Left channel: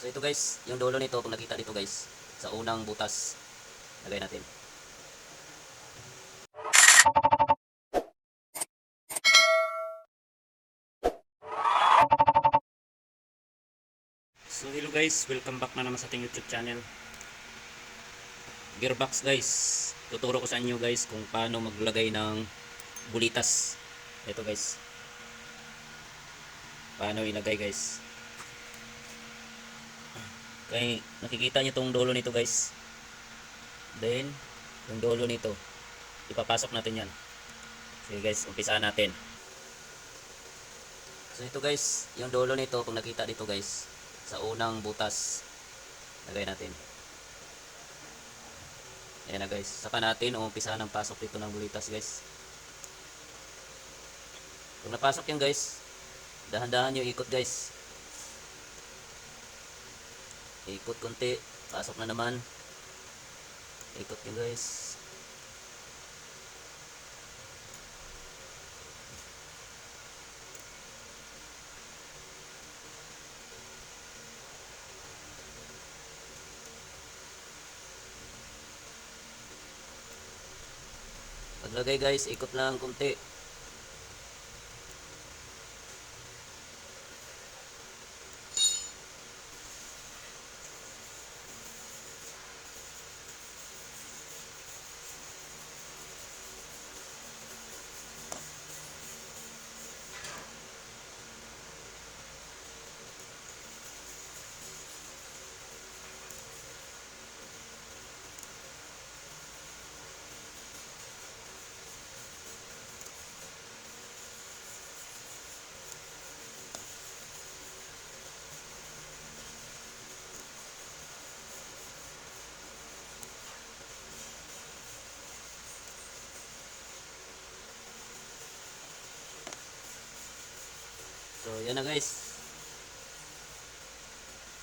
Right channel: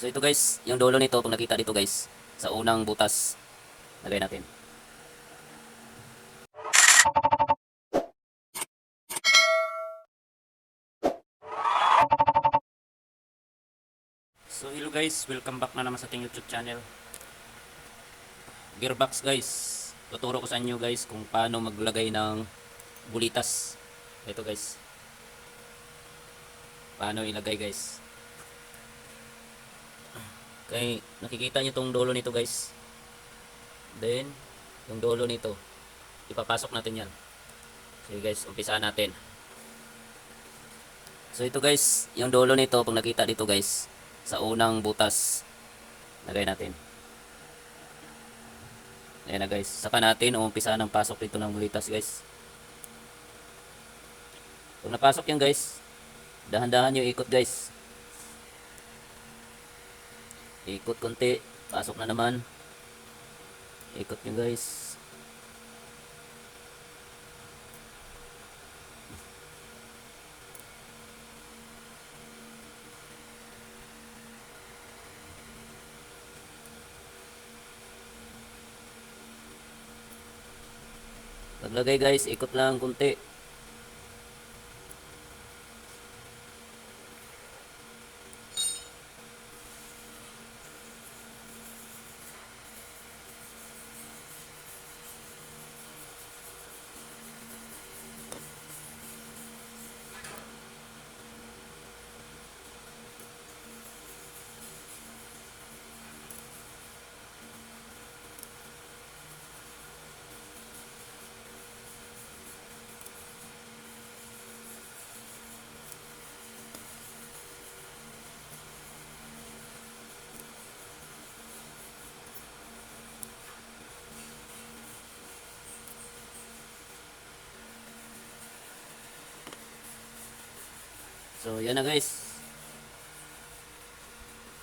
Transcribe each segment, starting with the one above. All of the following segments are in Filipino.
So ito guys, yung dulo nito, kung nakita dito guys, sa unang butas, lagay natin. So hello guys, welcome back na naman sa ating YouTube channel. Gearbox guys, tuturo ko sa inyo guys kung paano maglagay ng bulitas. Ito guys. Paano ilagay guys. Kaya nakikita nyo tong dulo nito guys. Then, yung dulo nito. Ipapasok natin yan. Sige guys, umpisaan natin. So ito guys, yung dulo nito, kung nakita dito guys, sa unang butas, lagay natin. Ayan na guys, saka natin umpisaan ang pasok dito ng bulitas guys. Kung napasok yan guys, dahan-dahan nyo ikot guys. Ikot konti, pasok na naman. Ikot nyo guys. Paglagay guys, ikot lang konti. So, yan na guys.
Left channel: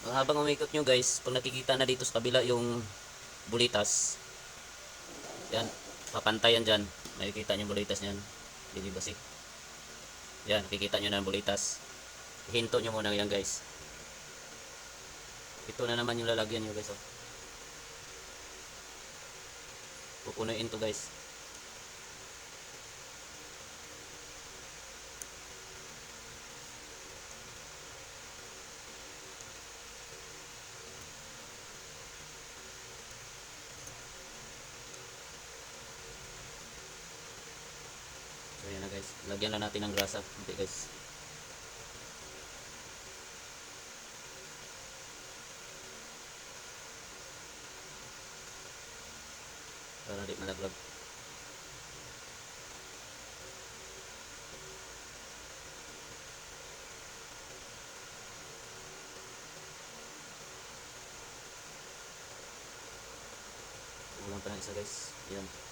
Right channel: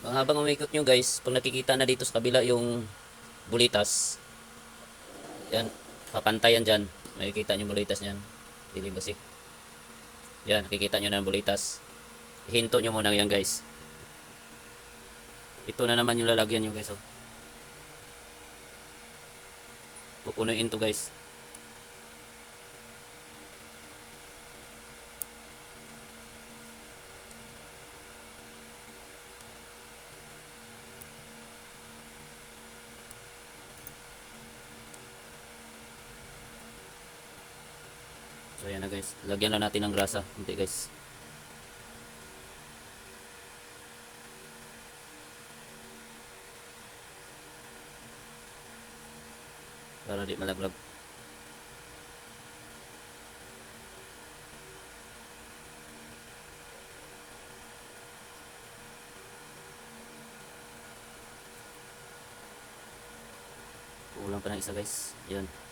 Habang umikot nyo guys, kung nakikita na dito sa kabila yung bulitas, yan, papantayan dyan. Nakikita nyo bulitas niyan. Hindi basik. Yan, nakikita nyo na yung bulitas. Hinto nyo muna yan guys. Ito na naman yung lalagyan nyo guys. Oh. Pupunuin to guys. Lagyan na natin ng grasa. Hindi guys. Para di malaglag. Kulang pa ng isa guys. Yan.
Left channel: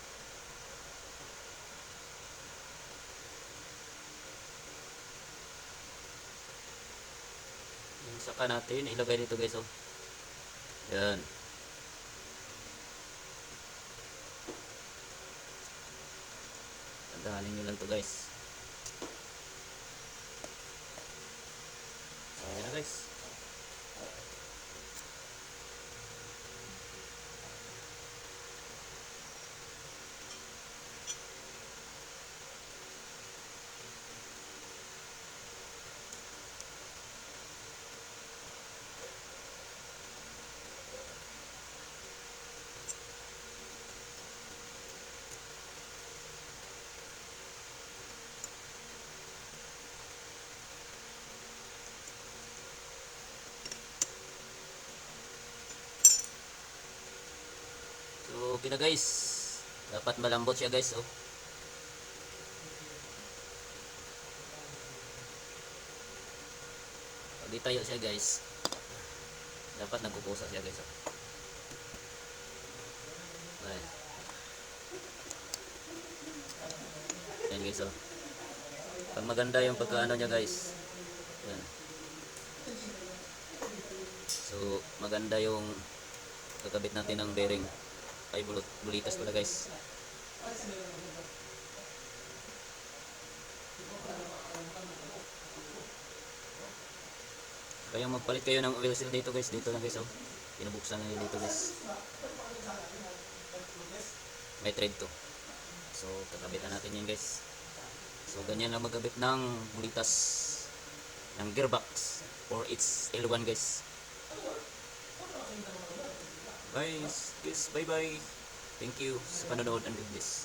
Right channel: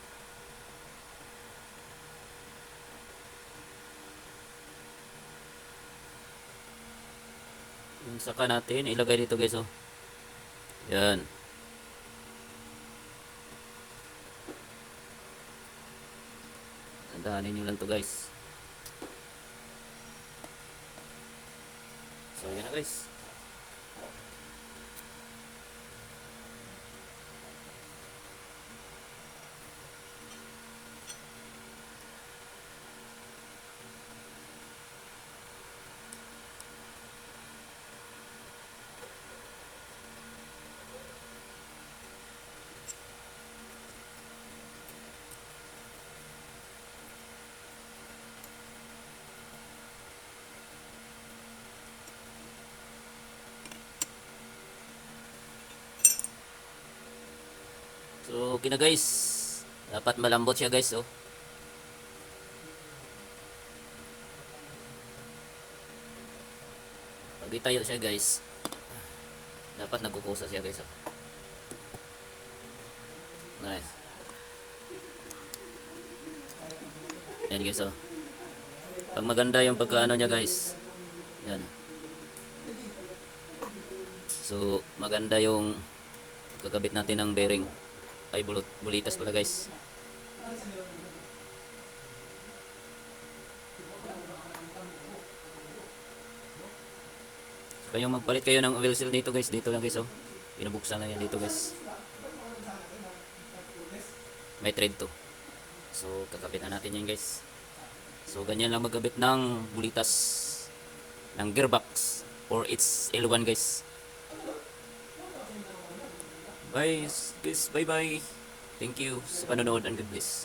Yung Saka natin, ilagay dito guys oh. Yan. Tandaanin nyo lang to guys. So yan na guys. So okay na guys. Dapat malambot siya guys oh. Pag itayo siya guys, dapat nagkukusa siya guys. Oh. Nice. Yan guys oh. Pag maganda yung pagkaano niya guys. Yan. So maganda yung kakabit natin ng bearing. Ay bulot, bulitas pala guys. Kayo magpalit kayo ng oil seal dito guys. Dito lang guys oh. Pinabuksan na dito guys. May thread to. So kakabit na natin yan guys. So ganyan lang magkabit ng bulitas ng gearbox or its L1 guys. Guys, guys, bye bye. Thank you sa panonood and God bless.